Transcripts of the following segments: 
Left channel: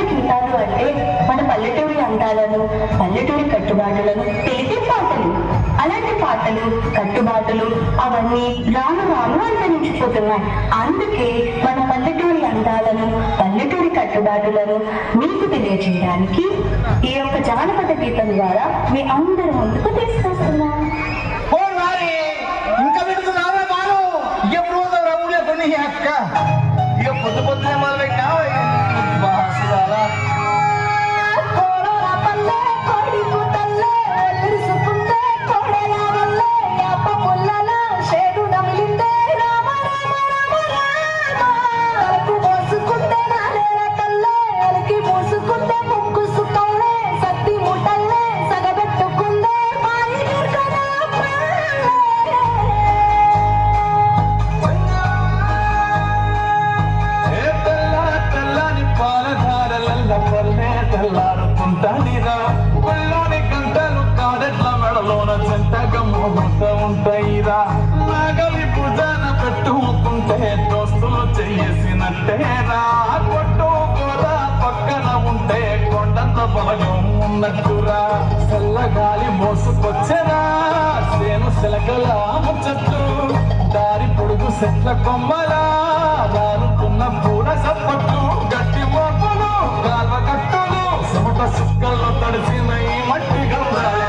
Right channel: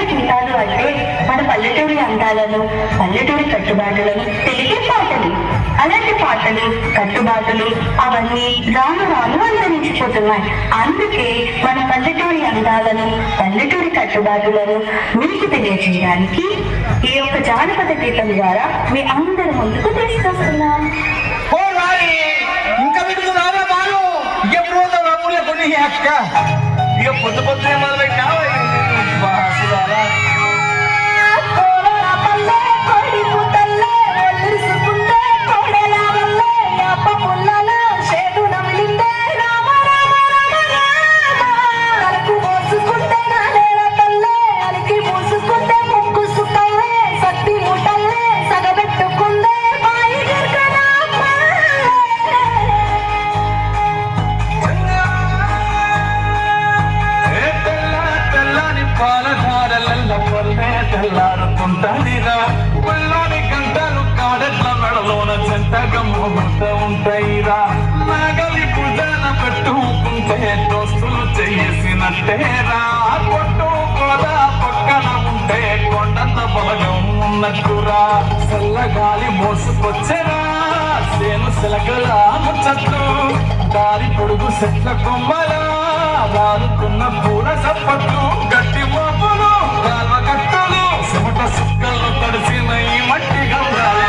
పల్లెటూరి గీతాలు అంటే మన పల్లెటూరి అందాలను, పల్లెటూరి కట్టుబాటులను తెలిపే పాటలు. అలాంటి పాటలు, కట్టుబాటులు అవన్నీ రాను రాను అంతరించిపోతున్నాయి. అందుకే మన పల్లెటూరి అందాలను, పల్లెటూరి కట్టుబాటులను మీకు తెలియజేయడానికి ఈ యొక్క జానపద గీతం ద్వారా మీ అందరి ముందుకు తీసుకొస్తున్నాం. పొద్దు పొద్దునే మొదలు పెట్టినా తెల్లారుతుంటాయిరా ఒళ్ళోని గంటలు కాడెట్ల మెడలోన చెంతగా మోగుతూ ఉంటాయిరా. నగలి భుజాన పెట్టుకుంటే దోస్తులు చేసినట్టేరా. కొట్టు గోదా పక్కన ఉంటే కొండంత బలగం ఉన్నట్టురా. చల్లగాలి మోసుకొచ్చేరా సేను సెలగల ముచ్చట్లు. దారి పొడుగు చెట్ల కొమ్మలా రానుకున్న పూల సప్పట్లు. గట్టి మోపులు కాల్వ కట్టులు చెమట సుక్కలు తడిసిన ఈ మట్టి గమ్రాల.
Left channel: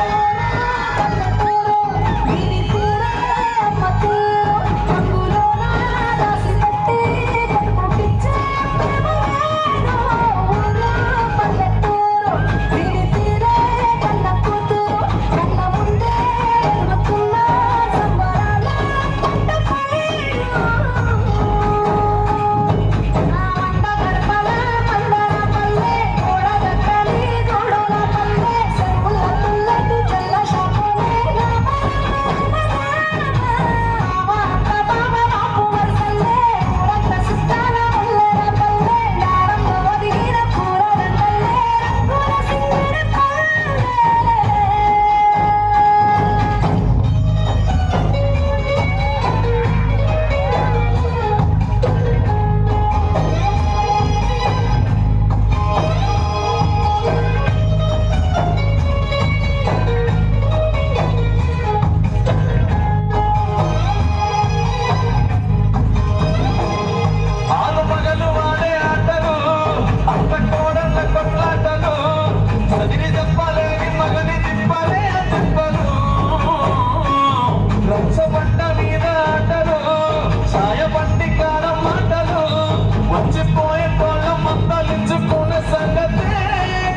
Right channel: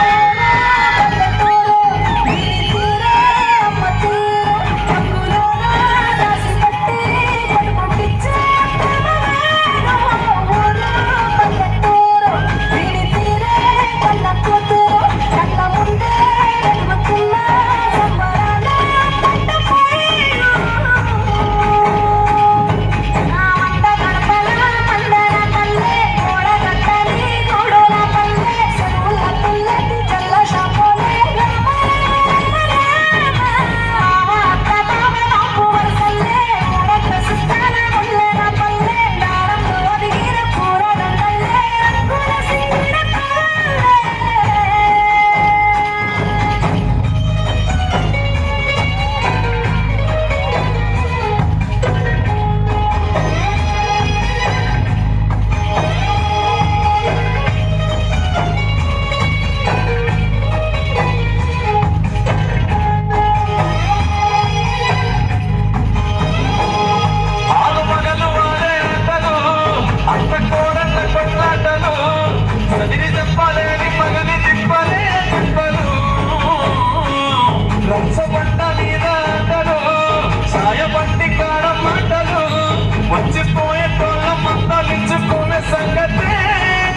వచ్చిపోయే తోళ్ళ మందలించుకునే సంగతే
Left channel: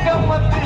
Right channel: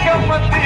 గమ్మతి.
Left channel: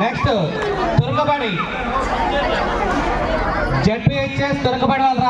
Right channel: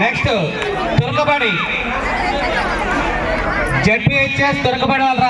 నెక్స్ట్ తురకబడి జడ్పీహెచ్ఎస్ తురకబడి వాళ్ళ